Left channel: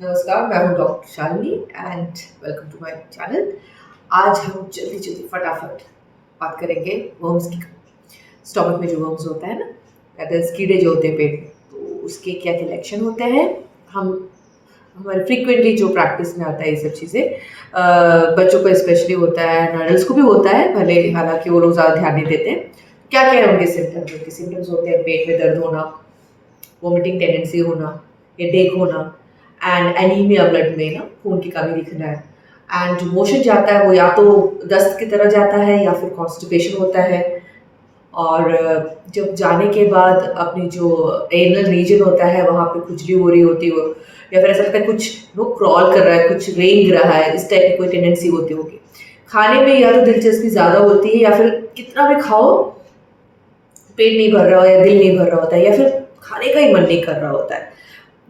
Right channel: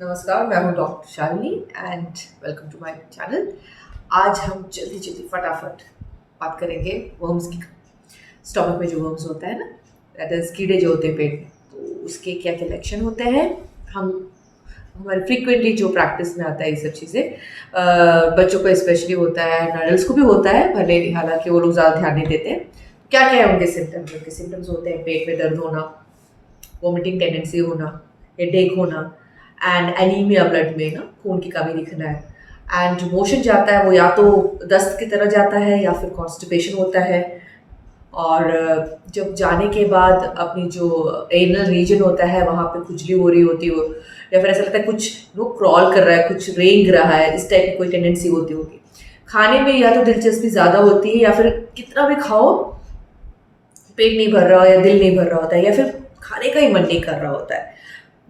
नमस्कार, मैं हूँ doctor Shalini and welcome to my channel. आज हम जल्दी जल्दी फटाफट बात करेंगे वर्म्स की। स्टमक में जो वर्म्स होता है ना, दैट इज कीड़े जो होते हैं पेट में, तो उसके क्या क्या लक्षण होते हैं। हम हमारे फ्रीक्वेंटली जो प्रैक्टिस में आता है ये सब चीज़ें बच्चों को स्पेशली होता है, एडल्ट्स को भी होता है, भले हालांकि वो लोग ज़्यादा ध्यान नहीं देते हैं। क्या क्या है उनके सिम्टम्स होते हैं, पेट में दर्द होना, वोमिटिंग टेंडेंसी होना, हेडेक होना, एंड एनीमिया, ब्लड में ना खून की कमी दिखना है, एंड जो मोशन जाता है वो या तो दस्त की तरह जाता है या फिर कॉन्स्टिपेशन होता है। और जब जाने के बाद अपनी जो एनल रीजन होता है वहाँ पे खुजली हो रही होती हो, या फिर ऐसा लगता है कुछ लोग क्रॉल कर रहा है, कुछ रेंग रहा है, इस टाइप की कोई टेंडेंसी होती होगी। खाने में या तो दिलचस्पी ज़्यादा होती है, या फिर कितना भी खाओ पेट नहीं भर रहा हो या दिल नहीं भर रहा होता है, या फिर खाने का ही मन नहीं कर रहा होता है।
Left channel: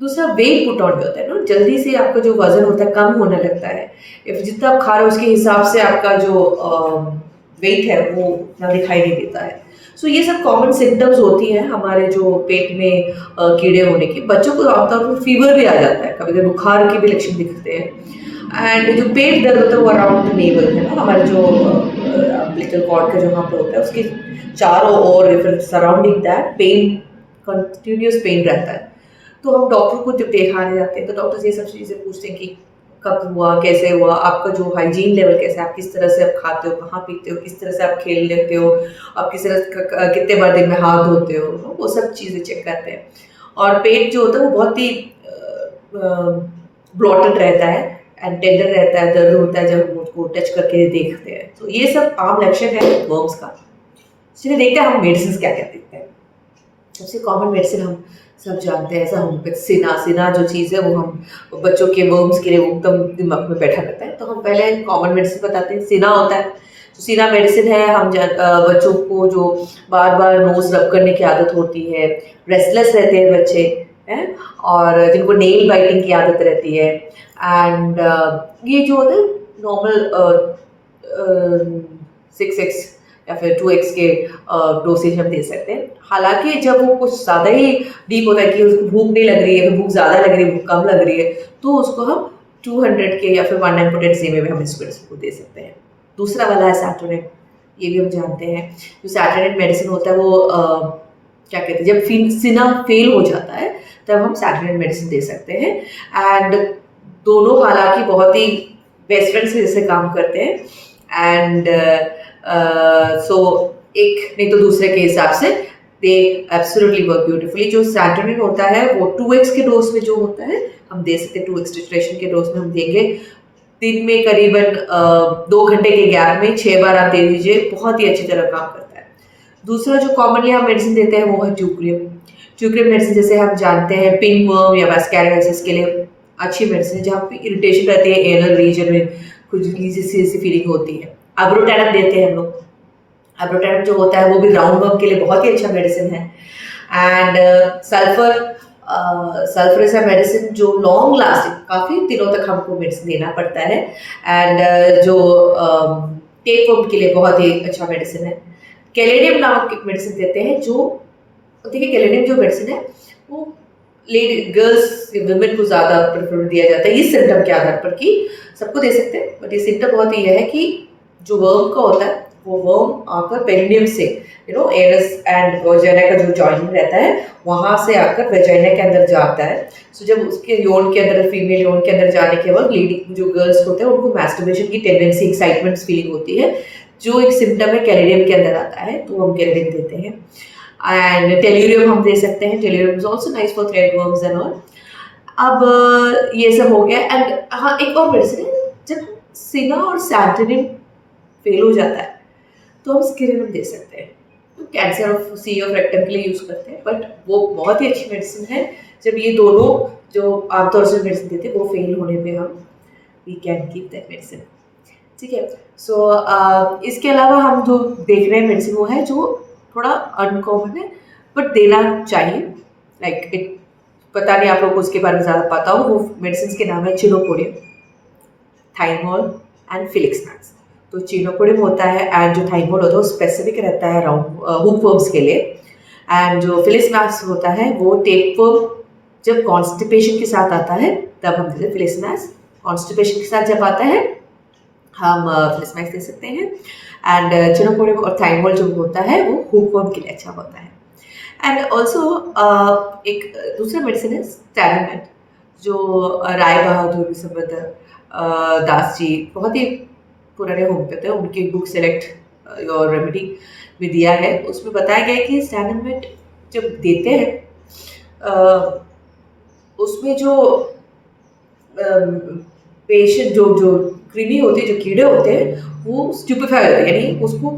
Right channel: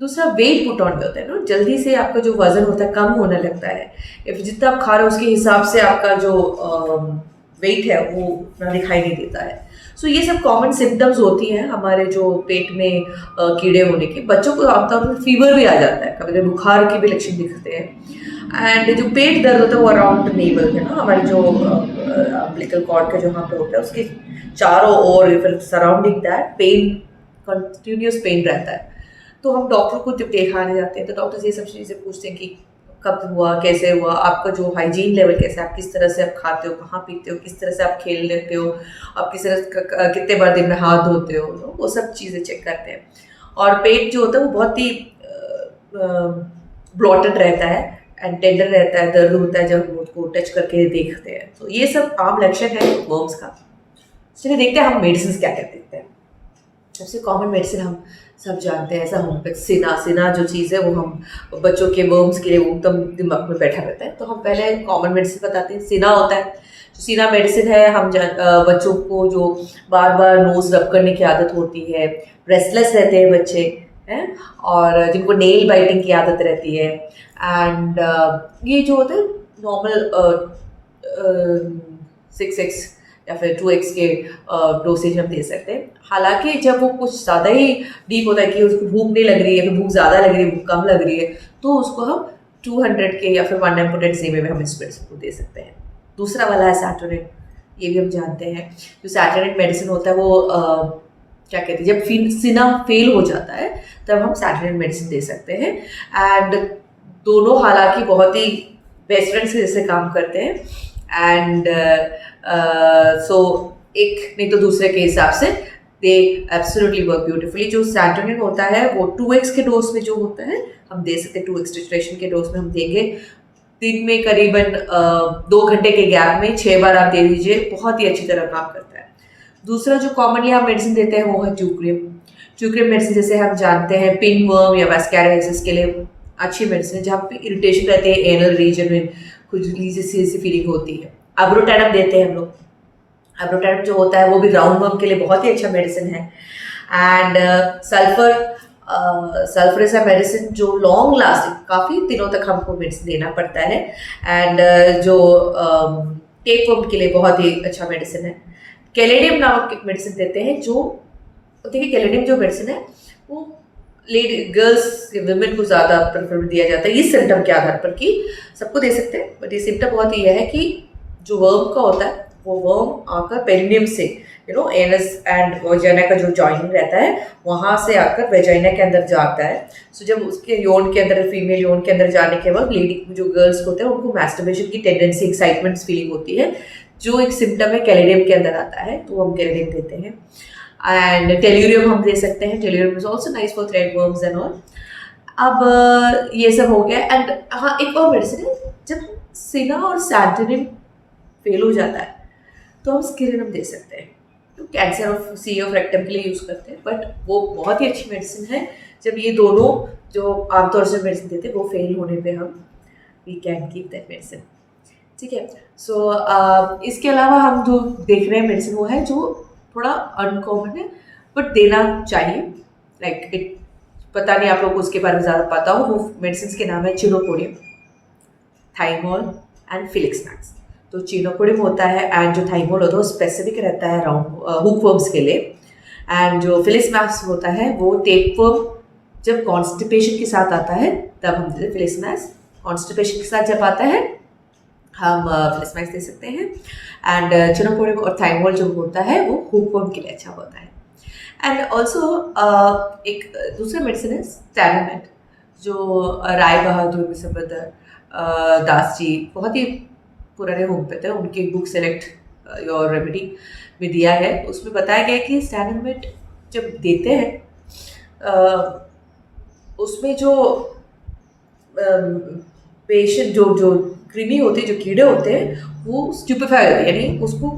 दूसरा वेट पुट ऑन भी होता है ना, जल्दी से आपका जो वजन होता है कम होने लगता है, या फिर जितना आप खा रहे हो उसके हिसाब से आपका जो वेट है वो ना दिखाई नहीं देता है। सो ये सब कॉमन सिम्टम्स होती हैं हमारे जो पेट में कीड़े होने की। बच्चों को आमतौर पर फीवर भी आ जाता है, कभी कभी बुखार के भी लक्षण दिखते हैं। एंड जो पेट दर्द होता है वो अराउंड नेवल है ना, हमारे जो अम्बिलिकल कॉर्ड का जो यहाँ पे होता है उसके चारों ओर, फिर surrounding that pain, continuous pain रहता है। तो हम डॉक्टर को जब दिखाने जाते हैं तो डॉक्टर ये सब चीज़ें पूछते हैं कि कब हुआ, कैसे हुआ, आपका जो हाइजीन लेवल कैसा है, आप किस तरह से आप खाते हो, कहाँ पीते हो, किस तरह से आप खेल लेते हो, आप किस तरह कितने बार दिन में हाथ धोते हो, वो सब चीज़ें चेक करते हैं। और पेट जो होता है वो बहुत ही ब्लॉटेड रहता है एंड टेंडर रहता है, दर्द होता है जब हम उसको टच करके देखते हैं। तो ये सब आम लक्षण है वर्म्स का। चलिए देखते हैं हम मेडिसिन क्या क्या देते हैं। सबसे कॉमन मेडिसिन हम सब जानते हैं, ऐसा होम्योपैथ सिना जो चीज़ है वो हम बच्चों के वर्म्स के लिए वो एकदम दिमाग में बैठा रहता है। तो हम पहले कॉमन मेडिसिन बताते हैं। सिना होता है, तो सिना मेडिसिन है, हम बच्चों को जो बार बार नोज रब करने की आदत होती है, रेस्टलेस रहते हैं बच्चे हैं, और जिनको नेल बाइटिंग की आदत रहती है, एंड ये जो होता है नॉर्मल 6x या फिर 2x के डोसेज हम दे सकते हैं। हालांकि जब वो कुछ ज़्यादा ही डीप होता है कि उसको भूख नहीं लग रही है, फिर भूख ज़्यादा लग रही है, भूख कम लग रही है, तो उसको हम 200 के या फिर 1 पोटेंसी में भी हम इस मेडिसिन को दे सकते हैं। दूसरा वाला है सैटोनिन, ये भी हम जानते हैं। जो सैटोनिन मेडिसिन होता है वो क्या कहते हैं, जब सिना फेल हो जाता है तब हम सैटोनिन मेडिसिन दे सकते हैं। एंड दोनों हालांकि बहुत ही बेस्ट फ्रेंड्स के जैसे काम करते हैं, एंड सो एक नहीं तो दूसरे के हिसाब से दे एब्सोल्युटली वर्क ब्यूटिफुली। जो सैटोनिन होता है वो 2x के डोज में जो होता है हम दे सकते हैं, 2x टिट्रेशन के डोज में हम देंगे। दिन में करीबन 2 घंटे के गैप में 6 बार आप दे दीजिए, बहुत ही अच्छी तरह काम करता है। दूसरा जो कॉमनली हम मेडिसिन देते हैं वो है ट्यूक्रियम। ट्यूक्रियम मेडिसिन जैसे हम जानते हैं पिन वर्म या वैस्कैरियोसिस के लिए अच्छी मेडिसिन है, जहाँ पे इरिटेशन रहती है एनल रीजन में, खुजली सी फीलिंग होती है। अब्रोटैनम देते हैं हम लोग। अब्रोटैनम जो होता है वो भी राउंड वर्म के लिए बहुत ही अच्छा मेडिसिन है। And sulphur is a medicine जो लॉन्ग लास्टिंग, काफ़ी दिनों तक हमको मेडिसिन देना पड़ता है। एंड जो टेप वर्म के लिए बहुत ही अच्छा मेडिसिन है। कैलेडियम नामक एक मेडिसिन देते हैं, जो देखिए कैलेडियम जो मेडिसिन है वो लेडी गर्ल्स वुमेन को ज़्यादा प्रेफर दिया जाता है इस सिम्टम के आधार पर, कि सबको दे सकते हैं, बट ये सिम्टम बहुत ही है कि जो वर्म का होता है वो वर्म आकर पेरिनियम से एनस एंड वेजाइना का जो जॉइनिंग रहता है वहाँ से आकर वेजाइना के अंदर जाता है। सो जब उसके यौन के अंदर, फीमेल यौन के अंदर जाने के बाद लेडी जो गर्ल्स होते हैं उनको मैस्टरबेशन की टेंडेंसी, एक्साइटमेंट फीलिंग होती है, जो एक सिम्टम है कैलेडियम के अंदर आता है, तो हम कैलेडियम देते हैं। एंड टेल्यूरियम हम दे सकते हैं, tellurium is also nice for thread worms and all. अब ये सब हो गया। एंड हाँ, एक और मेडिसिन है, जब सिना और सैंटोनिन फेल हो जाता है तो हम स्किरिनम दे सकते हैं। तो cancer of C of rectum के लिए यूज़ करते हैं, बट वो बहुत ही अच्छी मेडिसिन है। जब ये दोनों जो आमतौर से मेडिसिन देते हैं वो फेल होने पे हम we can keep that medicine. ठीक है। सो इसके अलावा हम जो देख रहे हैं मेडिसिन वो है जो थोड़ा अनकॉमन है बट देना चाहिए। लाइक इट, पता नहीं आप लोग को उसके बारे में ज़्यादा पता हो। वो मेडिसिन के नाम है चिनोपोडियम, थाइमोल एंड फिलिक्समैक्स। तो चिनोपोडियम होता है, एंड जो थाइमोल होता है वो स्पेसिफिक रहता है राउंड हुक वर्म्स के लिए, एंड जो फिलिक्समैक्स होता है वो टेप वर्म जब कॉन्स्टिपेशन के साथ आता है तब हम देते हैं फिलिस्मैक्स, कॉन्स्टिपेशन के साथ जब आता है हम फिलिस्मैक्स दे सकते हैं। एंड चिनोपोडियम और थाइमोल जो होता है वो हुकवर्म के लिए अच्छा होता है। एंड ऑल्सो एक दूसरा मेडिसिन है स्टैनोमेट, जो राय बहादुर विसम्बरधर दास जी बहुत ही पुराने होम्योपैथ है, उनकी बुक सेलेक्ट योर रेमेडी में दिया है। उसमें बताया गया है कि स्टैनोमेट जब देते हैं उसमें जो पेशेंट जो जो कृमि होते हैं, जो कीड़े होते हैं वो स्टूपेफाई होते हैं, यानी उसको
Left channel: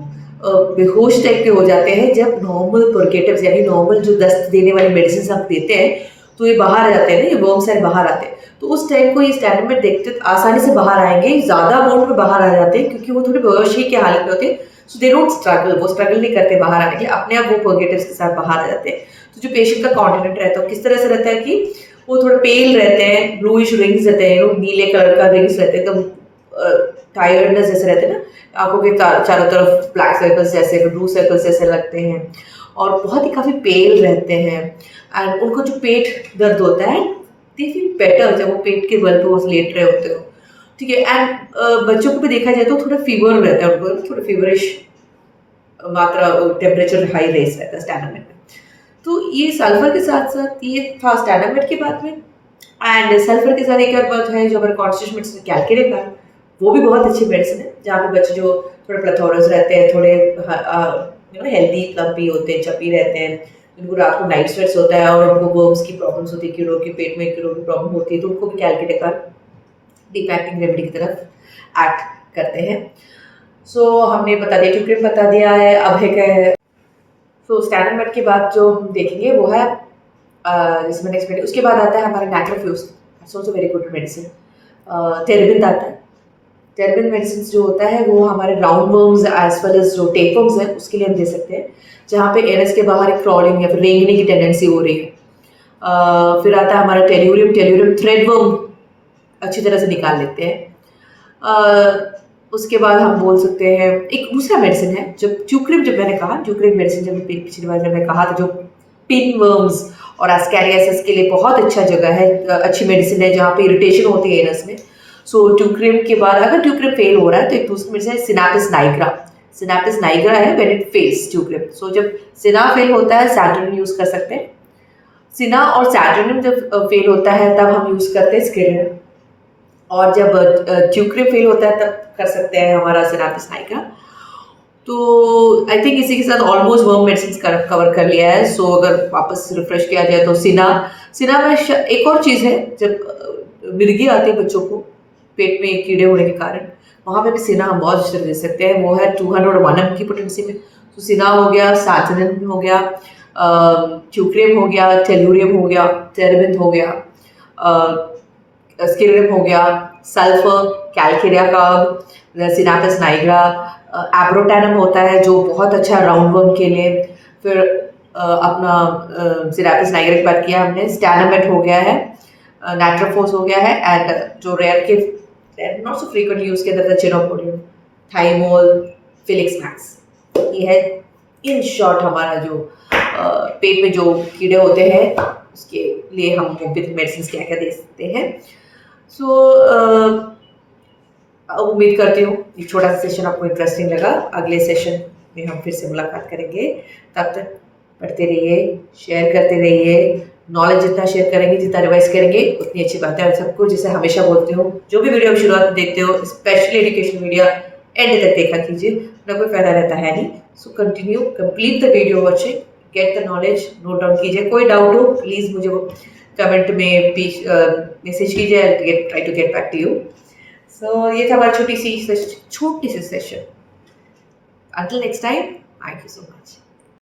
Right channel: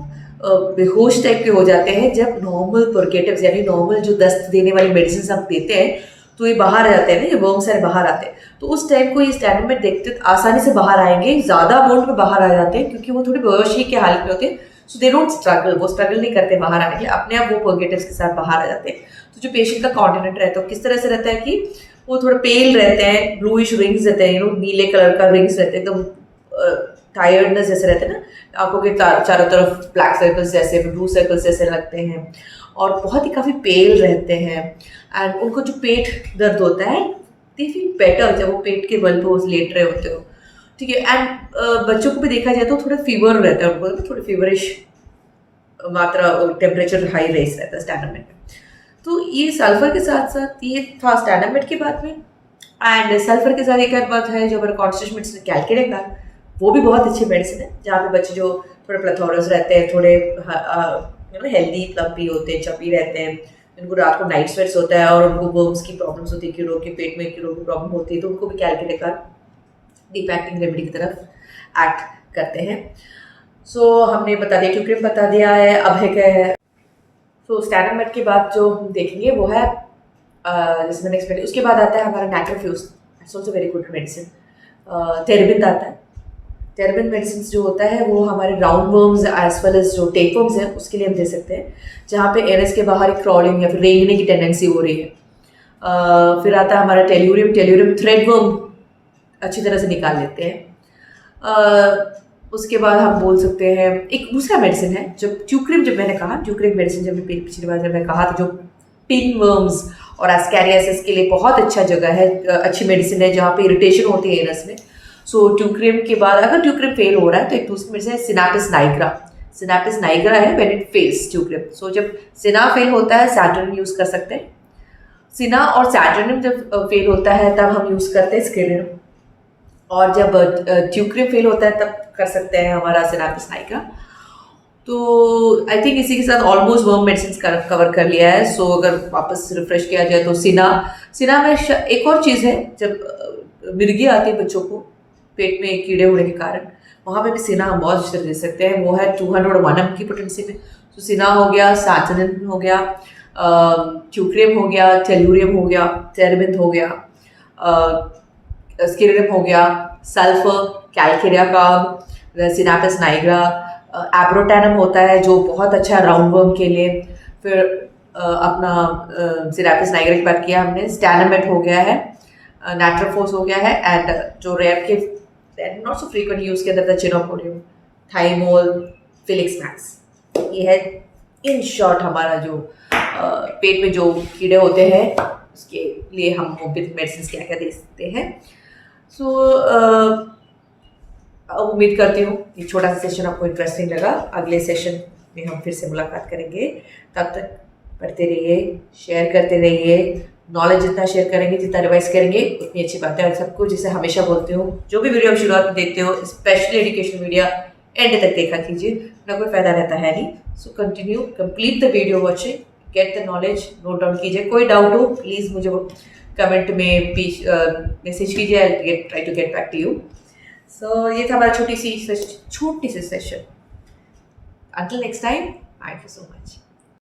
बेहोश टाइप के हो जाते हैं। जब नॉर्मल पर्केटिव्स यानी नॉर्मल जो दस्त देने वाली मेडिसिन हम देते हैं तो ये बाहर आ जाते हैं ना, ये वर्म सारे बाहर आते हैं। तो उस टाइम को ये स्टैनोमेट देखते तो आसानी से बाहर आएंगे, ज़्यादा अमाउंट में बाहर आ जाते हैं क्योंकि वो थोड़े बेहोशी के हालत में होते हैं। सो दे डोंट स्ट्रगल, वो स्ट्रगल नहीं करते बाहर आने के लिए, अपने आप वो पर्केटिव्स के साथ बाहर आ जाते हैं। तो जो पेशेंट का कॉन्टिनेंट रहता है किस तरह से रहता है कि वो थोड़े पेल रहते हैं, ब्लूइश रिंग्स रहते हैं, नीले कलर का रिंग्स रहते हैं, एकदम टायर्डनेस जैसे रहते हैं ना, आंखों के चारों तरफ ब्लैक सर्कल्स जैसे, ब्लू सर्कल्स जैसे लगते हैं और बहुत ही काफ़ी पेल रहते हैं। एंड उनको जो पेट दर्द होता है दे फील बेटर जब वो पेट के बल पे वो लेट रहे होते हो, ठीक है। एंड बच्चों को भी देखा जाए तो थोड़ा फीवर रहता है उनको, थोड़ा फीवरिश मात्रा, टेम्परेचर हाई रेस रहता है स्टैनोमेट में। तो ये सल्फर के साथ साथ ये था स्टैनोमेट के बाद में। एंड सल्फर के साथ एक और बात है जो हमारे कॉन्स्टिट्यूशन मेडिसिन कैलकेरिया का, वो भी बहुत अच्छी मेडिसिन है, जहाँ पे बच्चे जो थोड़े प्लेथोरस रहते हैं, थोड़े हेल्दी प्लम्पी होते हैं, चपी रहते हैं, जिनको रात को नाइट स्वेट्स होता है और उनको वर्म्स की प्रॉब्लम्स होती है, कीड़ों के पेट में कीड़ों की प्रॉब्लम होती है, तो उनको भी कैलकेरिया का डीपैक्टिंग रेमेडी की तरफ एक्ट करते हैं। सो हमने बता दिया, ट्यूक्रिम बता दिया है, अब है क्या। सो स्टैनोमेट के बाद जो हम देखेंगे वो है जिसमें नेक्स्ट, उसके बाद आता है हमारा नाइट्रोफ्यूज, it's also very good medicine. टेरेबिन आता है, टेरेबिन मेडिसिन जो होता है वो हमारे round worms as well as जो टेपवर्म्स हैं उसके लिए हम दे सकते हैं, जहाँ पे एनएस के बाहर एक क्रॉलिंग या फिर रेंगने की टेंडेंसी हो रही है। फिर आता है हमारा टेल्यूरियम, टेल्यूरियम थ्रेड वर्म अच्छी तरह से निकाल लेते हैं। उसके बाद हम बोल सकते हैं एक दूसरा मेडिसिन है, जब ट्यूक्रिम, जब मैंने कहा ट्यूक्रिम मेडिसिन, जब पिछली बार जब मैं कहा था, जो पिन वर्म्स और एस्कैरियासिस के लिए बहुत अच्छा जगह है, अच्छी मेडिसिन है, जहाँ पे इरिटेशन होती है एनस में। सो ट्यूक्रिम के बाद अगर ट्यूक्रिम फेल हो रहा है तो एक दूसरी मेडिसिन है सिनापिस नाइग्रा। सिनापिस नाइग्रा है व्हेन इट फेल्स ट्यूक्रिम। सो जब सिना फेल होता है सैटर्नियम यूज़ कर सकते हैं, सिना और सैटर्नियम जब फेल होता है तब हम यूज़ करते हैं स्किरिनम, और जब ट्यूक्रिम फेल होता है तब कर सकते हैं हमारा सिनापिस नाइग्रा। तो आई थिंक इसी के साथ ऑलमोस्ट वर्म मेडिसिन कवर कर लिया है। सो अगर वापस रिफ्रेश किया जाए तो सिना में एक और चीज़ है, जब मिर्गी आती है बच्चों को पेट में कीड़े होने के कारण, वहाँ पे भी सिना हम बहुत अच्छे से दे सकते हैं। वो है 201 की पोटेंसी में। तो सिना हो गया, सैटर्नियम हो गया, ट्यूक्रिम हो गया, टेल्यूरियम हो गया, टेरेबिन हो गया, स्किरिनम हो गया, सल्फर, कैलकेरिया कार्ब, सिनापिस नाइग्रा, एब्रोटैनम होता है जो बहुत अच्छा है राउंड वर्म के लिए। फिर अपना सिनापिस नाइग्रा की बात किया हमने, स्टैनोमेट हो गया है, नाइट्रोफोस हो गया है, एंड जो रेयर के नॉट सो फ्रीक्वेंटली यूज किया जाता है चिनोपोडियम, थाइमोल, फिलिक्समैक्स। ये है इन शॉर्ट हमारा जो पेट में जो कीड़े होते हैं उसके लिए हम होम्योपैथिक मेडिसिन क्या क्या दे सकते हैं। सो उम्मीद करती हूँ ये छोटा सा सेशन आपको इंटरेस्टिंग लगा। अगले सेशन में हम फिर से मुलाकात करेंगे, तब तक पढ़ते रहिए, शेयर करते रहिए। नॉलेज जितना शेयर करेंगे, जितना रिवाइज करेंगे उतनी अच्छी बात है। और सबको जैसे हमेशा बोलती हूँ, जो भी वीडियो आप शुरुआत में देखते हो स्पेशली एजुकेशन वीडियो एंड तक देखा कीजिए, ना कोई फायदा रहता है नहीं। So continue complete the video watching, get the knowledge, note down कीजिए। कोई डाउट हो प्लीज़ मुझे कमेंट में मैसेज कीजिए, try to get back to you. So ये था हमारा छोटी सी session. Until next time, thank you so much.